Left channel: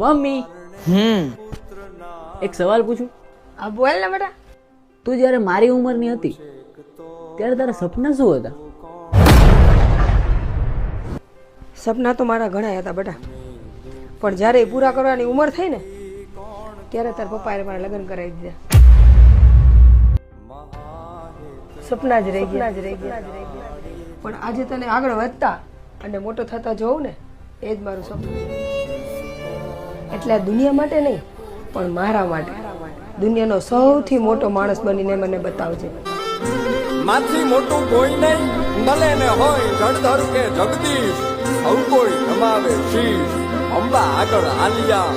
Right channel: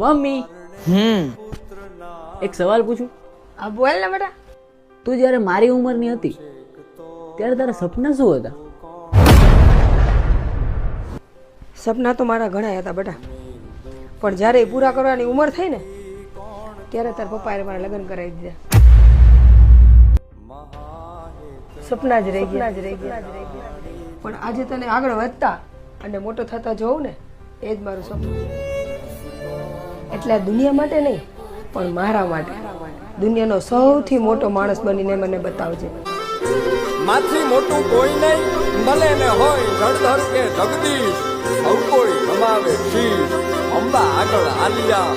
Mummy એક સવાલ પૂછું? આ બોલ ને બેટા. તું જ્યારે મારી ઉંમરની હતી ત્યારે તારા સપના શું હતા? સપના તો મારા ઘણા હતા બેટા, પણ જ્યારે એ પૂરા કરવાની ઉંમર થઈ ને ત્યારે તાર પપ્પાએ મારા લગ્ન કરાવી દીધા. સપના જ રહી ગયા. પણ આજે તને આગળ વધતા અને મોટો થતા જોઉં ને એ જ મારું સપનું છે. એટલે આ દુનિયા માટે નહીં પણ મારા માટે દુનિયાનો સૌથી મોટો માણસ બનીને મને બતાવજે. માથી મોટું કોઈ નહીં, ભલે ને હોય જળધર કે જગદીશ, સૌ કોઈ નમાવે શીશ, અંબા આગળ આલિયા.